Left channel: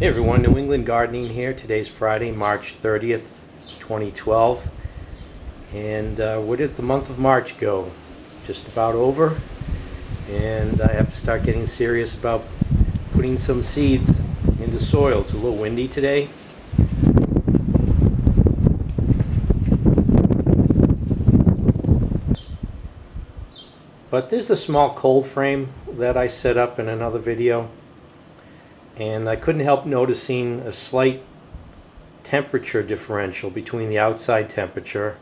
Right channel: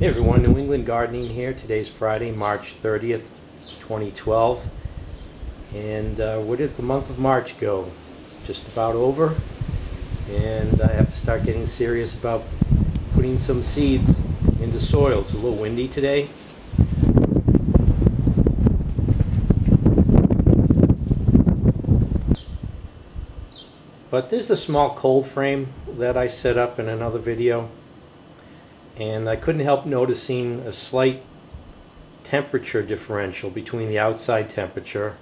Hey everyone, New England Gardening here. Today's Friday, March 30th, 2012. And where did the month of March go? It's just about over. And I have to start getting serious about putting some seeds into soil. It's a little windy today. But there's a small cold frame that I set up in another video. And I couldn't help noticing a slight temperature differential between the outside temperature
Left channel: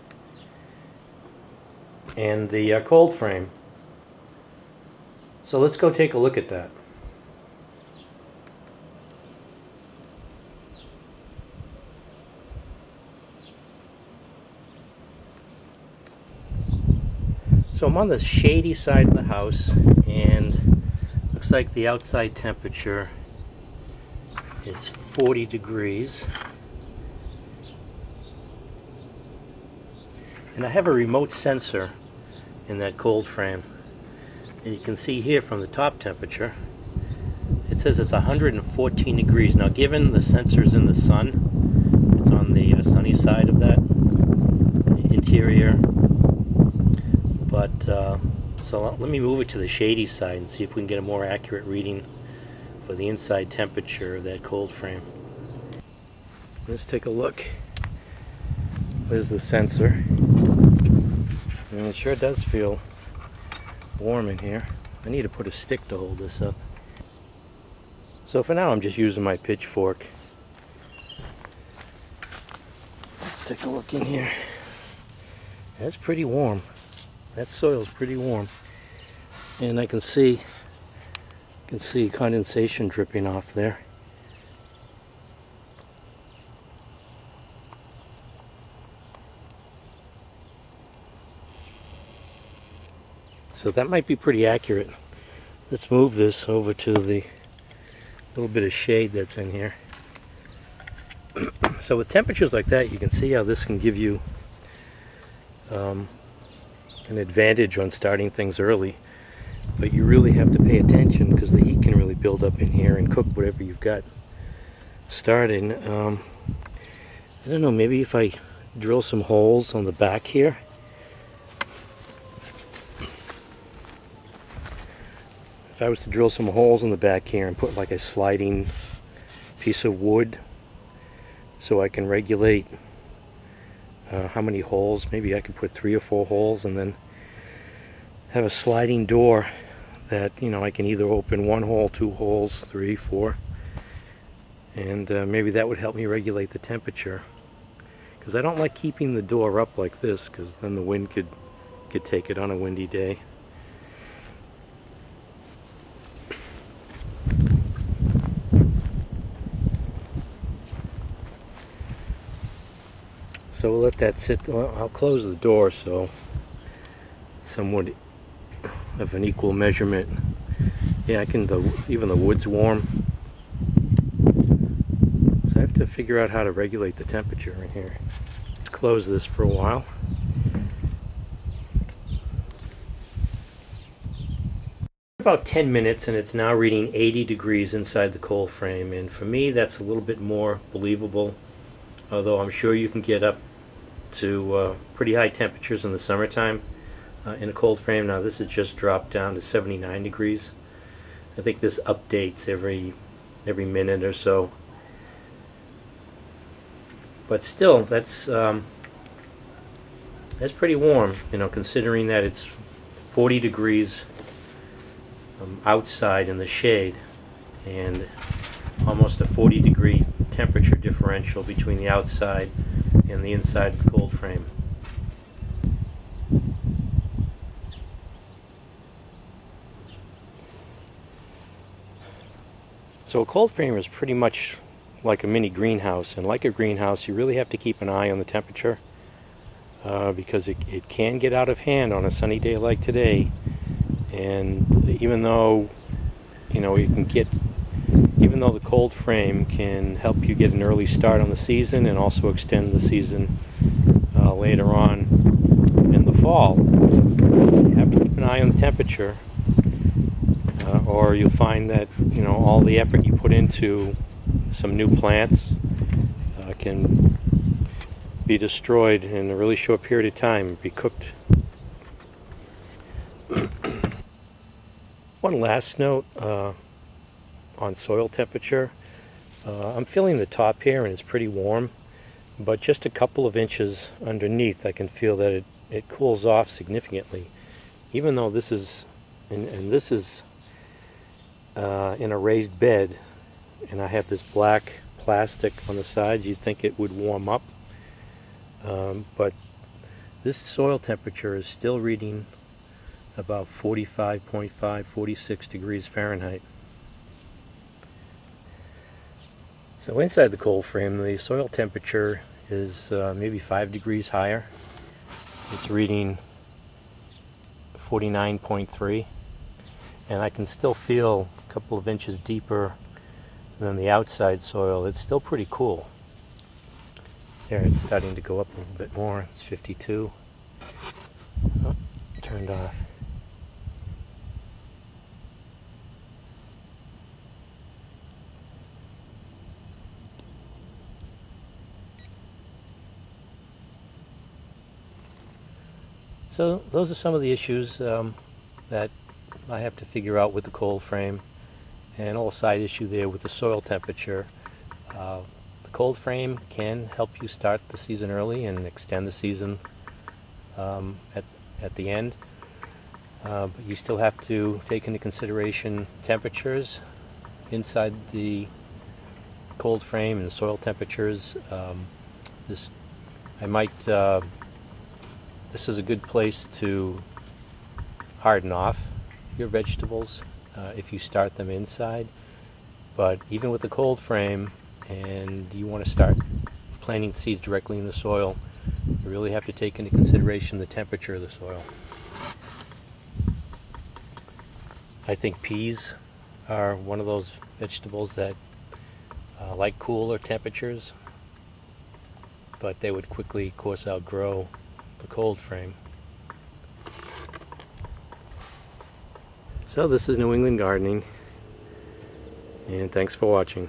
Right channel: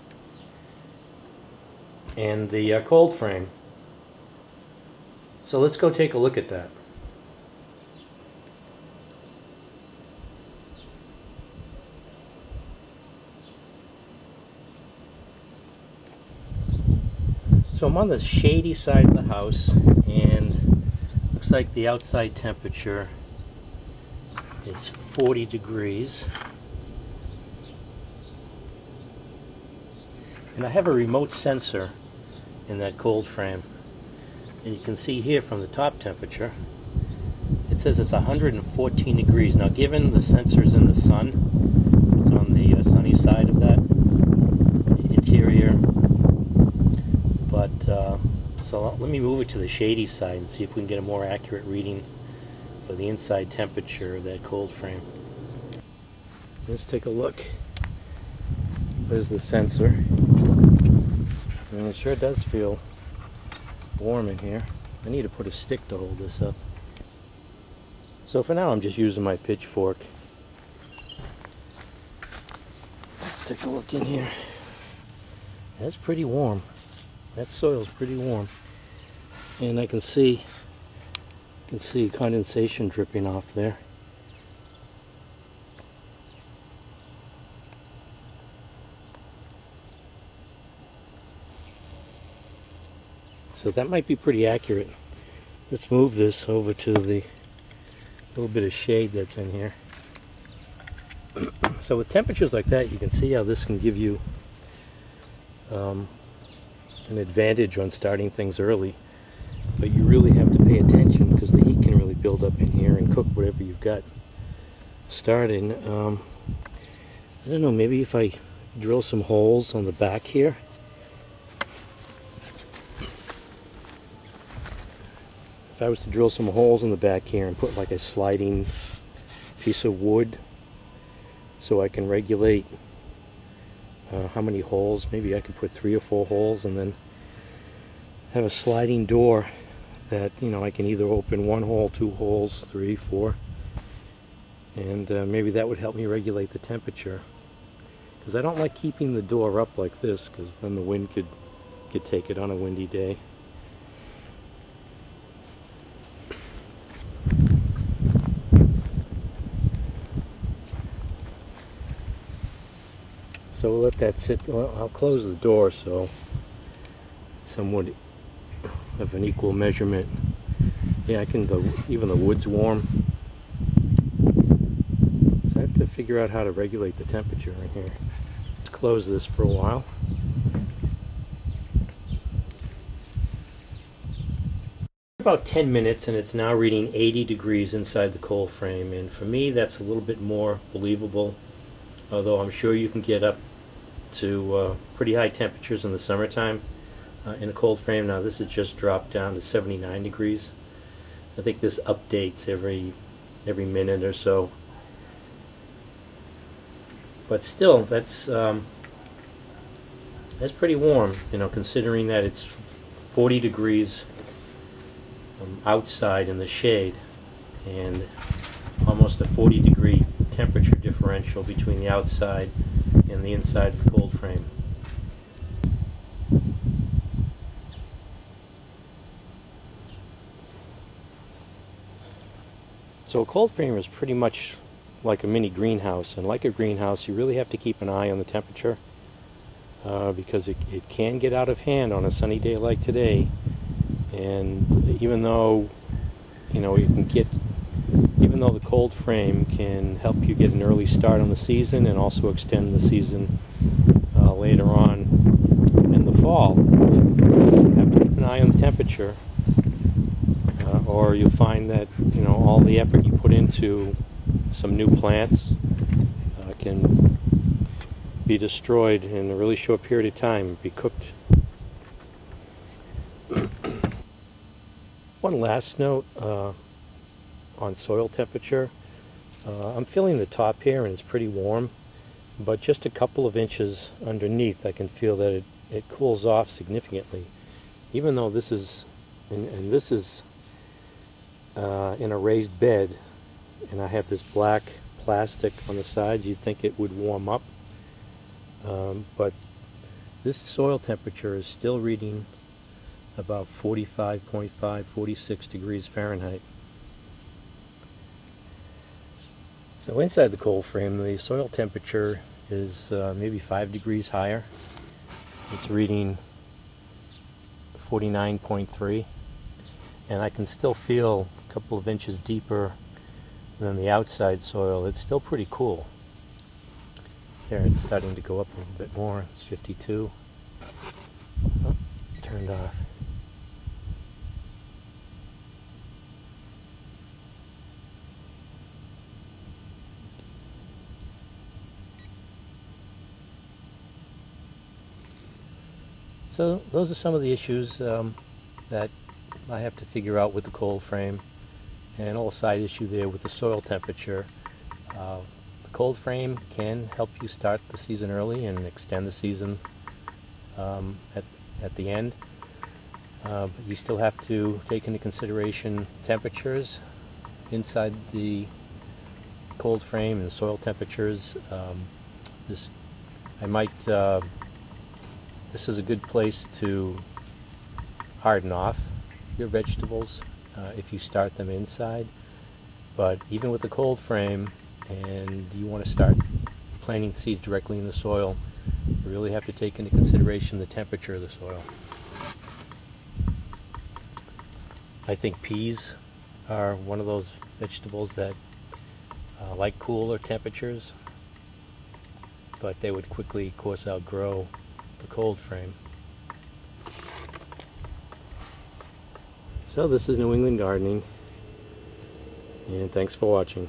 and the cold frame. So let's go take a look at that. So I'm on the shady side of the house, and looks like the outside temperature is 40 degrees. And I have a remote sensor in that cold frame. And you can see here from the top temperature, it says it's 114 degrees. Now given the sensor's in the sun, it's on the sunny side of that interior. But, so let me move it to the shady side and see if we can get a more accurate reading for the inside temperature of that cold frame. Let's take a look. There's the sensor. And it sure does feel warm in here. I need to put a stick to hold this up. So for now I'm just using my pitchfork. Let's take a look in here. That's pretty warm. That soil's pretty warm. And I can see condensation dripping off there. So that might be pretty accurate. Let's move this over to the little bit of shade that's in here. So with temperatures like that, you can see how this can give you an advantage on starting things early. But you really have to pay attention because the heat can really build up in here and cook whatever you've got starting. I don't know, maybe if I drill some holes on the back here. If I was to drill some holes in the back here and put like a sliding piece of wood so I can regulate how many holes, maybe I could put 3 or 4 holes and then have a sliding door that, you know, I can either open 1 hole, 2 holes, 3, 4, and maybe that would help me regulate the temperature, because I don't like keeping the door up like this, because then the wind could take it on a windy day. So we'll let that sit. I'll close the door so somewhat of an equal measurement. Yeah, I can. Even the wood's warm, so I have to figure out how to regulate the temperature in here. Let's close this for a while. About 10 minutes, and it's now reading 80 degrees inside the cold frame. And for me, that's a little bit more believable. Although I'm sure you can get up to pretty high temperatures in the summertime in a cold frame. Now this has just dropped down to 79 degrees. I think this updates every minute or so. But still, that's pretty warm, you know, considering that it's 40 degrees outside in the shade and almost a 40-degree temperature differential between the outside and the inside of the cold frame. So a cold frame is pretty much like a mini greenhouse, and like a greenhouse you really have to keep an eye on the temperature because it can get out of hand on a sunny day like today. And even though, you know, even though the cold frame can help you get an early start on the season and also extend the season later on in the fall, you have to keep an eye on the temperature or you'll find that, you know, all the effort you put into some new plants can be destroyed in a really short period of time, be cooked. One last note on soil temperature. I'm feeling the top here and it's pretty warm, but just a couple of inches underneath I can feel that it cools off significantly. Even though this is, and this is in a raised bed, and I have this black plastic on the side, you'd think it would warm up. But this soil temperature is still reading about 45.5, 46 degrees Fahrenheit. So inside the cold frame, the soil temperature is maybe 5 degrees higher. It's reading 49.3, and I can still feel a couple of inches deeper than the outside soil. It's still pretty cool. There, it's starting to go up a little bit more. It's 52. Oh, turned off. So those are some of the issues that I have to figure out with the cold frame, and a little side issue there with the soil temperature. The cold frame can help you start the season early and extend the season at the end, but you still have to take into consideration temperatures inside the cold frame and soil temperatures. This is a good place to harden off your vegetables if you start them inside. But even with the cold frame, and you want to start planting seeds directly in the soil, you really have to take into consideration the temperature of the soil. I think peas are one of those vegetables that like cooler temperatures, but they would quickly, of course, outgrow the cold frame. So this is New England Gardening, and thanks for watching.